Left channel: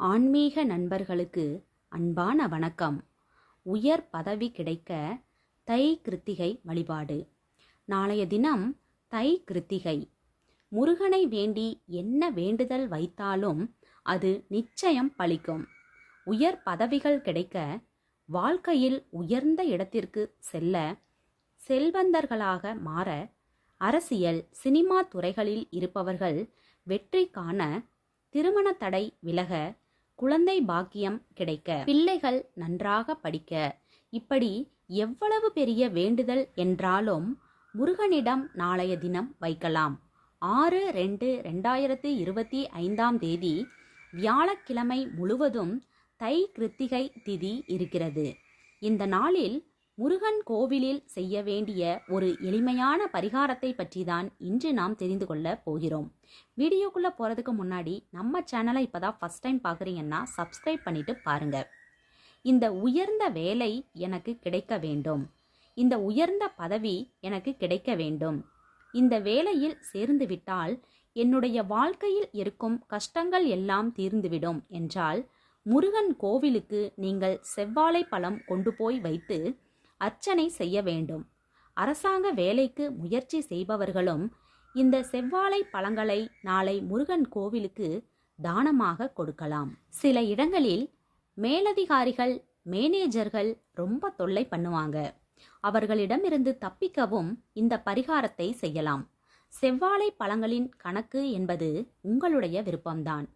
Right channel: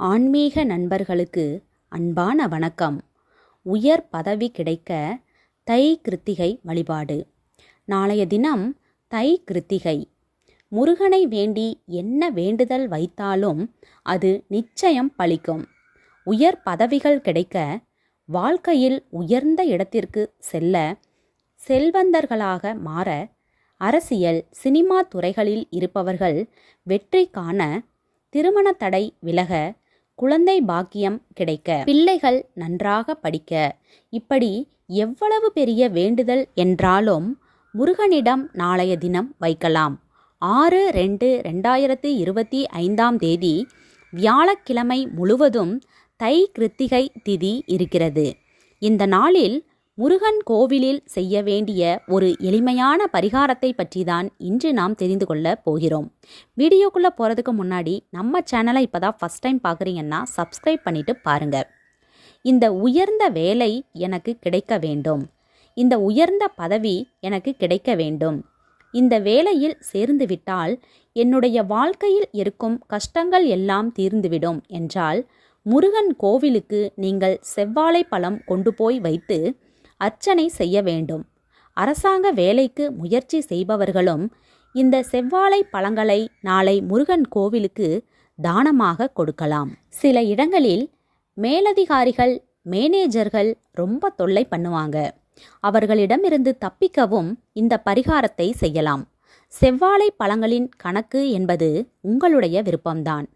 ஆன்மீக நண்பர்களுக்கு அன்பான வணக்கம். உயர் பதவி கிடைக்க தை கிருத்திகை வழிபாடு. நாளைய தினம் தை கிருத்திகை. முருகனை வேண்டி என்ன வேண்டுதல் வைத்தாலும் அது நிச்சயம் பலிக்கும். உயர் பதவிகள் கிடைக்க வாழ்க்கையில் உயர்ந்த இடத்திற்கு செல்ல செல்வந்தர்களாக மாற அரசியல் சினிமா துறைகளில் இருப்பவர்கள் வெற்றி காண திருமண தடை விலக குழந்தை பாக்கியம் கிடைக்க பிள்ளைகள் நன்றாக படிக்க. இப்படி எவ்வளவு பெரிய வேண்டுதல் என்றாலும் முருகனிடம் நாளைய தினம் வைக்கலாம். ஆறு ரெண்டு ரெண்டாயிரத்தி இருபத்தி ஐந்தாம் தேதி வியாழக்கிழமை முழுவதும் தை கிருத்திகை திதி இருக்கிறது. இந்த நாளில் முருகன் கோவிலில் செய்ய வேண்டிய ஒரு எளிமையான பரிகாரத்தை பற்றி தான் இன்று நாம் தெரிந்து கொள்ள போகிறோம். வீடியோக்குள்ளே போகிறதுக்கு முன்னாடி நம்ம சேனலை இப்போ தான் ஃபஸ்ட் டைம் பார்க்குறீங்கன்னா சப்ஸ்கிரைப் பண்ணிவிட்டு பாருங்கள் இந்த உயர்ந்த வேலை எனக்கு கிடைக்க வேண்டும். இந்த உயர்ந்த பதவி எனக்கு கிடைக்க வேண்டும். இந்த வேலையில் சேர்ந்து விட்டால் என்னுடைய வாழ்க்கையில் இருக்கும் கஷ்டங்கள் எல்லாம் தீர்ந்துவிடும் என்றால் முருகன் கோவிலுக்கு நீங்கள் செவ்வாழை பழம் கொண்டு போய் வைத்து அர்ச்சனை செய்ய வேண்டும். அரசாங்க வேலைக்கு முயற்சி செய்பவர்களும் இந்த செவ்வாழை பழங்களை நாளை முருகன் கோவிலுக்கு தானமாக கொடுக்கலாம். சில இடங்களில் மேலதிகாரிகள் மேனேஜர்கள் ரொம்ப தொல்லை பண்ணுவாங்க. அவர்களிடமிருந்து தப்பிக்கவும் இந்த பரிகாரத்தை செய்யலாம். செவ்வாழை பழங்களின் கணக்கு என்பது உங்களுடைய விருப்பம்தான்.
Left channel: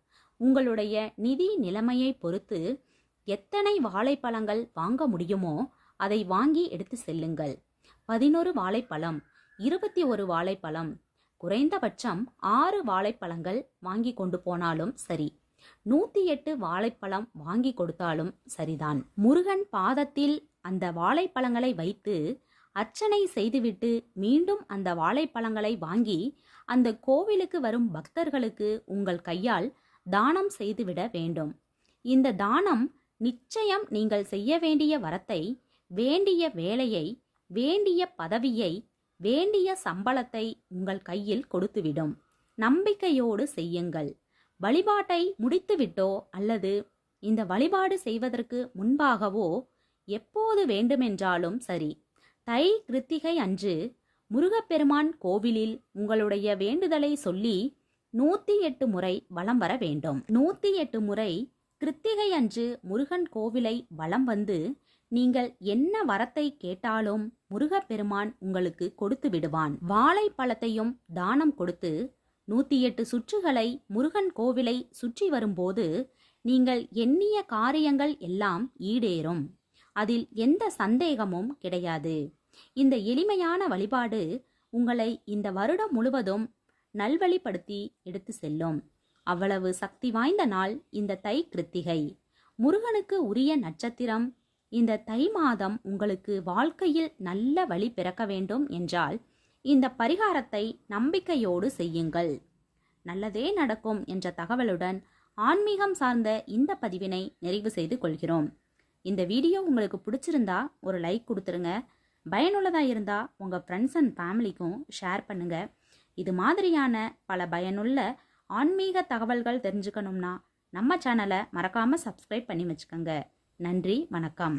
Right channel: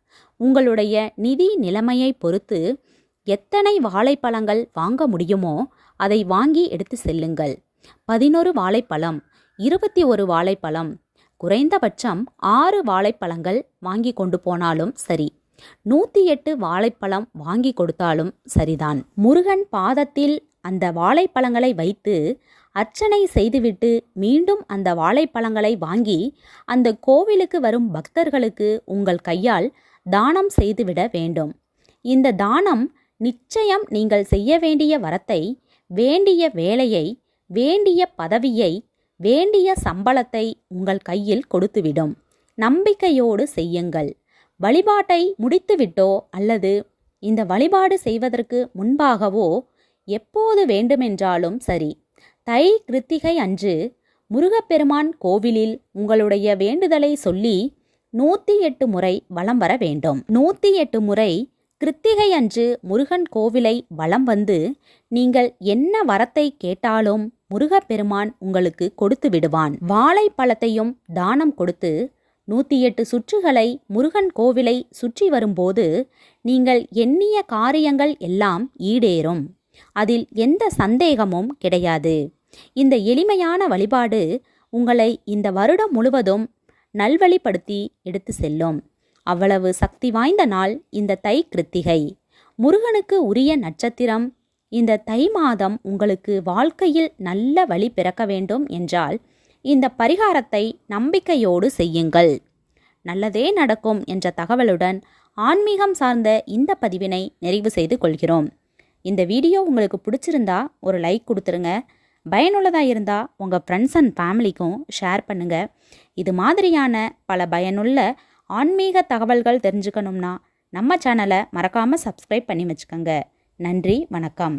உங்களுடைய நிதி நிலைமையை பொறுத்து எத்தனை வாழைப்பழங்கள் வாங்க முடியுமோ அதை வாங்கி எடுத்து செல்லுங்கள். பதினொரு வாழைப்பழம் இருபத்தி ஒரு வாழைப்பழம் குறைந்தபட்சம் ஆறு வாழைப்பழங்கள் வாங்கி கொண்டு போனாலும் சரி. நூற்றி எட்டு வாழைப்பழம் வாங்கி கொடுத்தாலும் சரிதான். முருகன் பாதத்தில் அந்த வாழைப்பழங்களை வைத்து அர்ச்சனை செய்துவிட்டு மீண்டும் அந்த வாழைப்பழங்களை வாங்கி அந்த கோவிலுக்கு வரும் பக்தர்களுக்கு உங்கள் கையால் தானம் செய்துவிட வேண்டும். இந்த தானம் நிச்சயம் நீங்கள் செய்ய வேண்டிய வரத்தை வேண்டிய வேலையை வேண்டிய பதவியை வேண்டிய சம்பளத்தை உங்கள் கையில் கொடுத்துவிடும். நம்பிக்கையோடு செய்யுங்கள். வழிபாட்டை முடித்துவிட்டோ அல்லது இந்த வழிபாடு செய்வதற்கு முன்பாகவோ எப்போது வேண்டுமென்றாலும் சரி. தை கிருத்திகை அன்று முருகப்பெருமான் கோவிலில் உங்களுடைய வேண்டுதலை சொல்லி நூற்றி எட்டு முறை வலம் வர வேண்டும். நூற்றி எட்டு முறை கிருத்திகை அன்று முருகன் கோவிலை வலம் வந்து நீங்கள் என்ன வரத்தை கேட்டாலும் முருகப்பெருமான் உங்களுக்கு கொடுத்து விடுவான். வாழைப்பழத்தையும் தானம் கொடுத்து நூற்றி எட்டு சுற்றுகளை முருகன் கோவிலை சுற்றி வரும்போது நீங்கள் எண்ணிய காரியங்கள் எல்லாம் ஈடேறும். அதில் எந்த சந்தேகமும் கிடையாது. இந்த எளிமையான வழிபாடு உங்களை இந்த வருடம் முழுவதும் நல்வழிப்படுத்தி எடுத்து செல்லும். அவ்வளவு சக்தி வாய்ந்த நாள் இந்த தை கிருத்திகை. முருகனுக்கு உரிய நட்சத்திரம். இந்த தை மாதம் உங்களுக்கு வாழ்க்கையில் நல்ல வழி பிறக்க வேண்டும் என்றால் இந்த பரிகாரத்தை நம்பிக்கையோடு செய்யுங்கள். நல்லதே நடக்கும் என்ற தகவலுடன் ஆன்மீகம் சார்ந்த இந்த பதிவினை நிறைவு செய்து கொள்கிறோம். இந்த வீடியோ உங்களுக்கு பிடிச்சிருந்தா ஒரு லைக் கொடுத்துருங்க. பயனுள்ளதாக இருந்தால் உங்கள் ஃப்ரெண்ட்ஸ் அண்ட் ஃபேமிலிக்கும் ஷேர் பண்ணுங்கள் இது மாதிரியான பல பயனுள்ள ஆன்மீக தகவல்கள் தெரிஞ்சுக்கணும்னா நம்ம சேனலை மறக்காமல் சப்ஸ்கிரைப் பண்ணி வச்சுக்கோங்க. நன்றி வணக்கம்.